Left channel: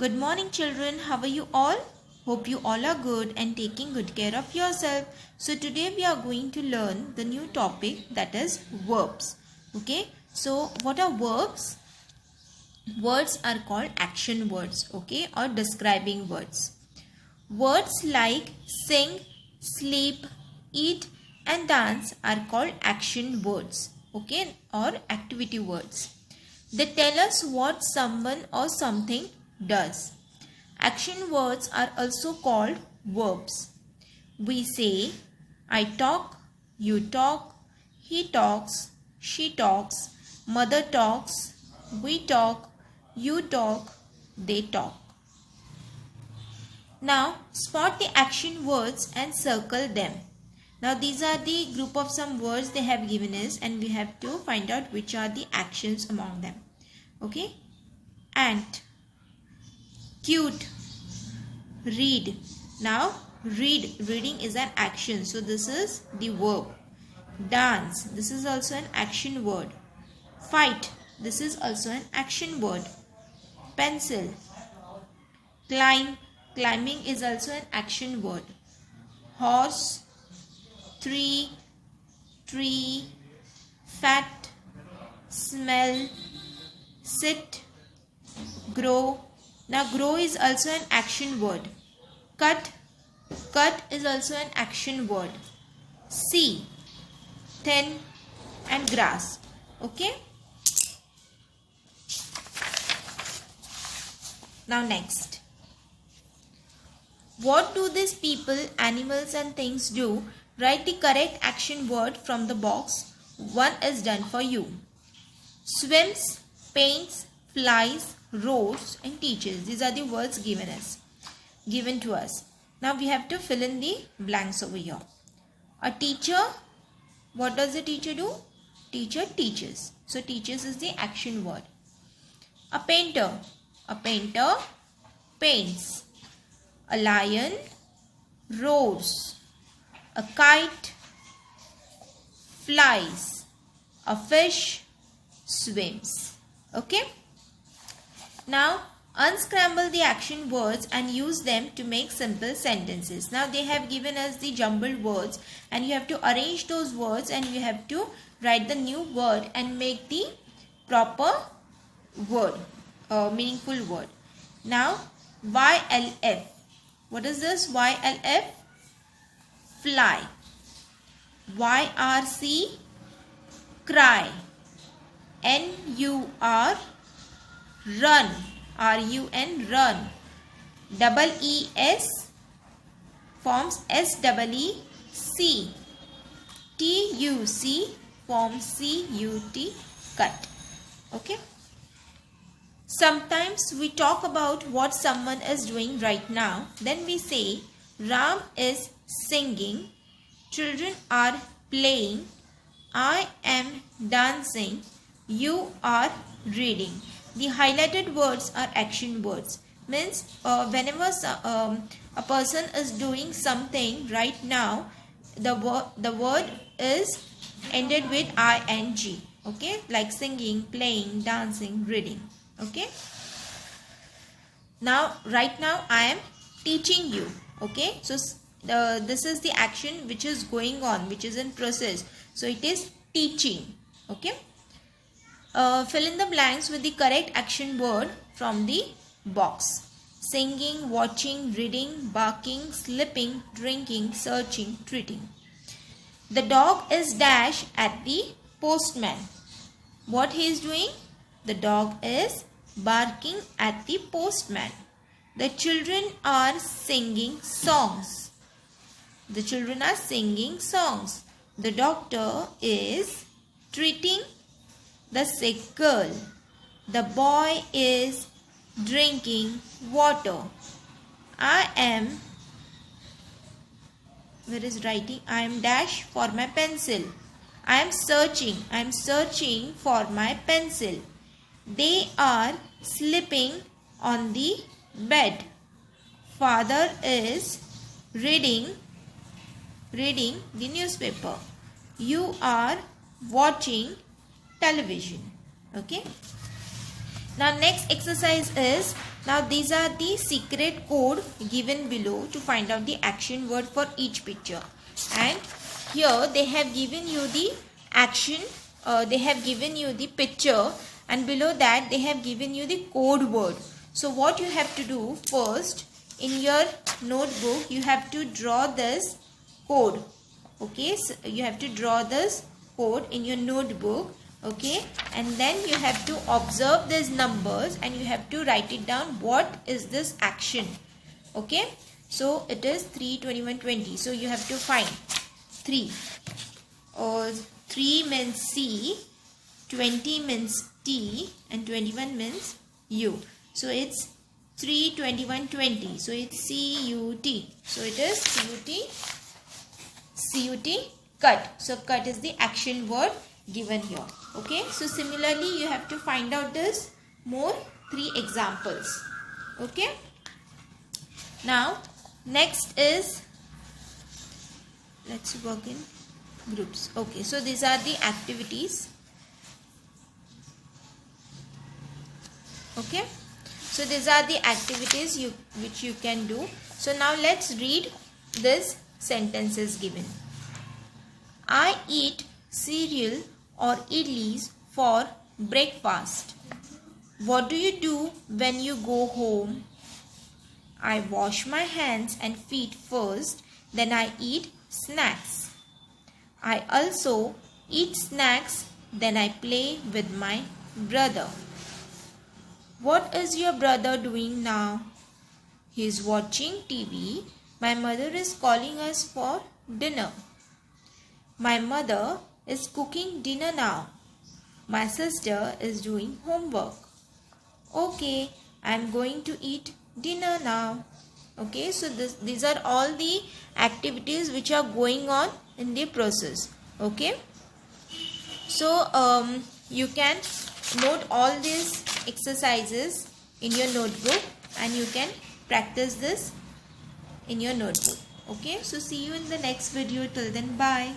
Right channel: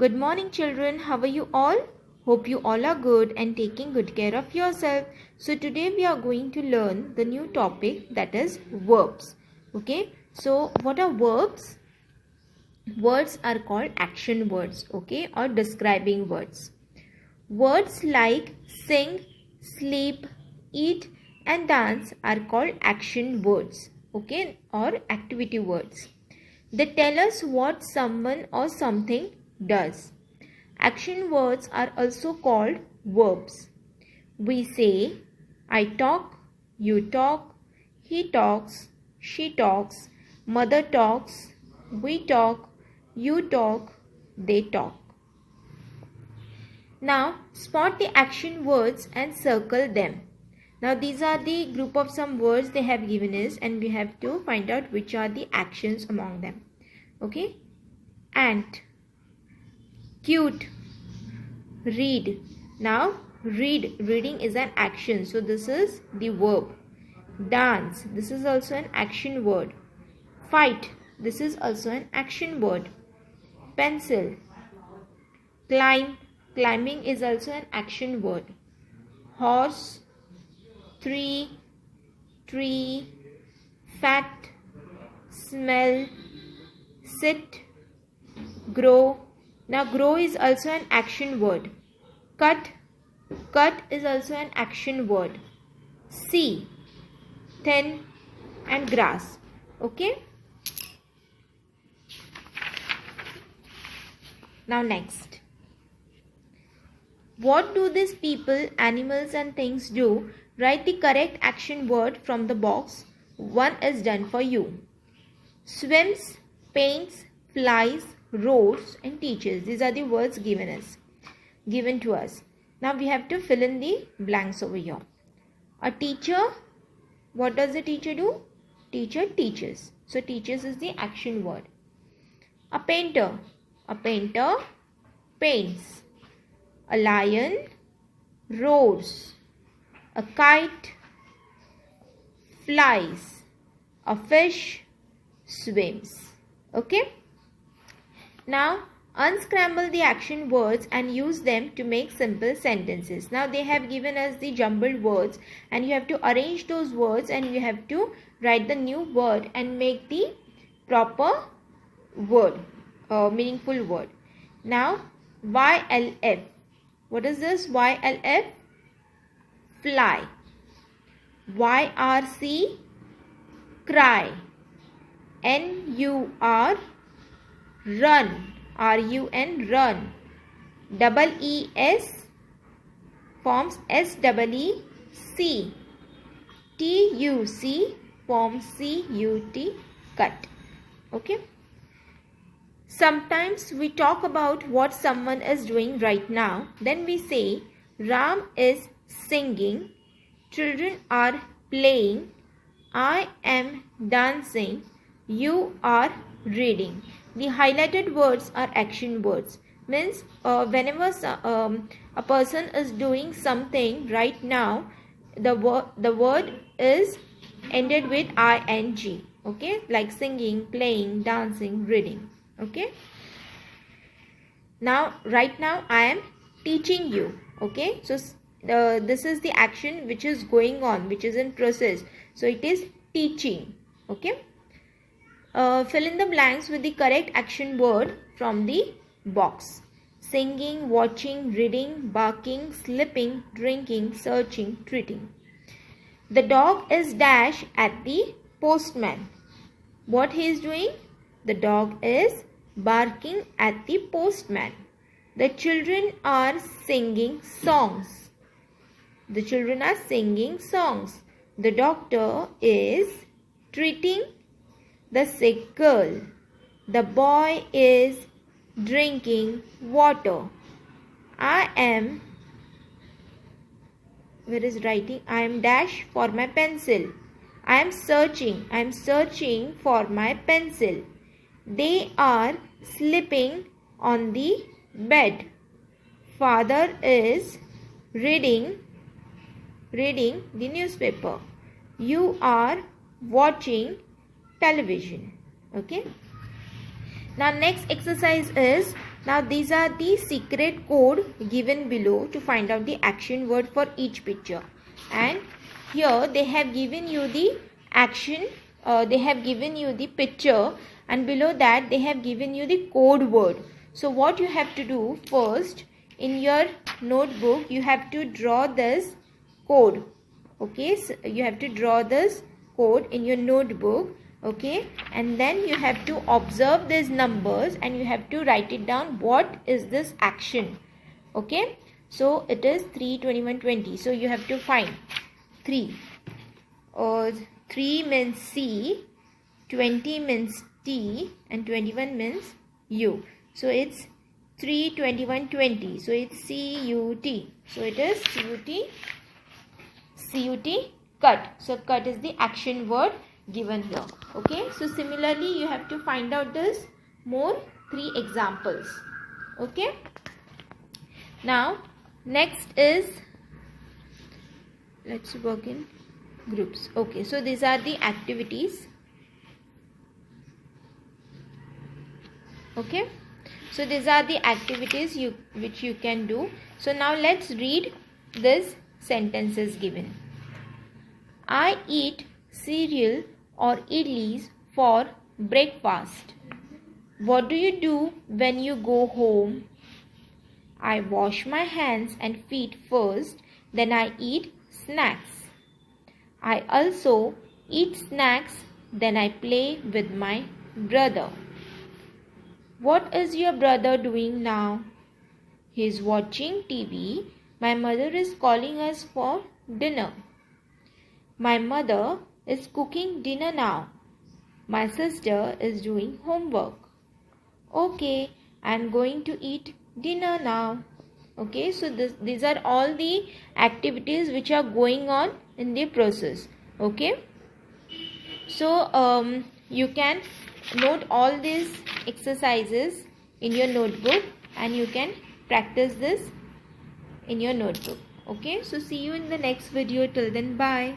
Good morning children, how are you all? Hope you all are good and taking good care of yourself. So today we are going to learn the new topic, that is verbs. Okay, so what are verbs? Words are called action words, okay, or describing words. Words like sing, sleep, eat and dance are called action words, okay, or activity words. They tell us what someone or something does. Action words are also called verbs. We say, I talk, you talk, he talks, she talks, mother talks, we talk, you talk, they talk. Now spot the action words and circle them. Now these are the group of some words they have given us and we have to find out which are the actions among them. Okay. Ant, cute, read. Now reading is an action, so this is the verb. Dance, this is also an action word. Fight, this is also an action word. Pencil, climbing is also an action word. Horse, tree, fat, smell, sit, grow. Now grow is also an action word. Cut is also an action word. See, thin and grass. Okay. Now next. What do these people, animals and things do? Write the correct action word from the box. One is done for you. Swims, paints, flies, roars and teaches. These are the words given to us. Now we have to fill in the blanks over here. A teacher, what does the teacher do? Teacher teaches. So teaches is the action word. A painter paints. A lion roars. A kite flies. A fish swims. Okay. Now unscramble the action words and use them to make simple sentences. Now they have given us the jumbled words and you have to arrange those words and you have to write the new word and make the proper word, meaningful word. Now YLF. What is this? YLF? Fly. YRC? Cry. NUR? Run. RUN? Run. EES forms SEEC. TUC forms CUT. Cut. Okay. Sometimes we talk about what someone is doing right now. Then we say Ram is singing, children are playing, I am dancing, you are reading. The highlighted words are action words. Means whenever a person is doing something right now, the word is ended with ing. Okay, like singing, playing, dancing, reading. Okay. Now right now I am teaching you. Okay. So this is the action which is going on, which is in process. So it is teaching. Okay. Fill in the blanks with the correct action word from the box. Singing, watching, reading, barking, slipping, drinking, searching, treating. The dog is dash at the postman. What he is doing? The dog is barking at the postman. The children are singing songs. The children are singing songs. The doctor is treating the sick girl. The boy is drinking water. I am, where is writing? I am dash for my pencil. I am searching for my pencil. They are sleeping on the bed. Father is reading the newspaper. You are watching television. Okay. Now next exercise is Now these are the secret code given below to find out the action word for each picture. And here they have given you the action, they have given you the picture, and below that they have given you the code word. So what you have to do first, in your notebook you have to draw this code. Okay, so you have to draw this code in your notebook. Okay, and then you have to observe these numbers and you have to write it down. What is this action? Okay, so it is 3, 21, 20. So you have to find 3. 3 means C, 20 means T, and 21 means U. So it's 3, 21, 20. So it's C-U-T. So it is C-U-T, cut. So cut is the action word given here. Okay, so similarly you have to find out this more 3 examples. Okay, now next is, let's work in groups. Okay, so these are the activities. Okay, so these are the activities which you can do. So now let's read this sentences given. I eat cereal or idlis for breakfast. What do you do when you go home? I wash my hands and feet first, then I eat snacks. I also eat snacks, then I play with my brother. What is your brother doing now? He is watching TV. My mother is calling us for dinner. My mother is cooking dinner now. My sister is doing homework. Okay, I am going to eat dinner now. Okay, so these are all the activities which are going on in the process. Okay, so you can note all these exercises in your notebook and you can practice this in your notebook. Okay, so see you in the next video. Till then, bye.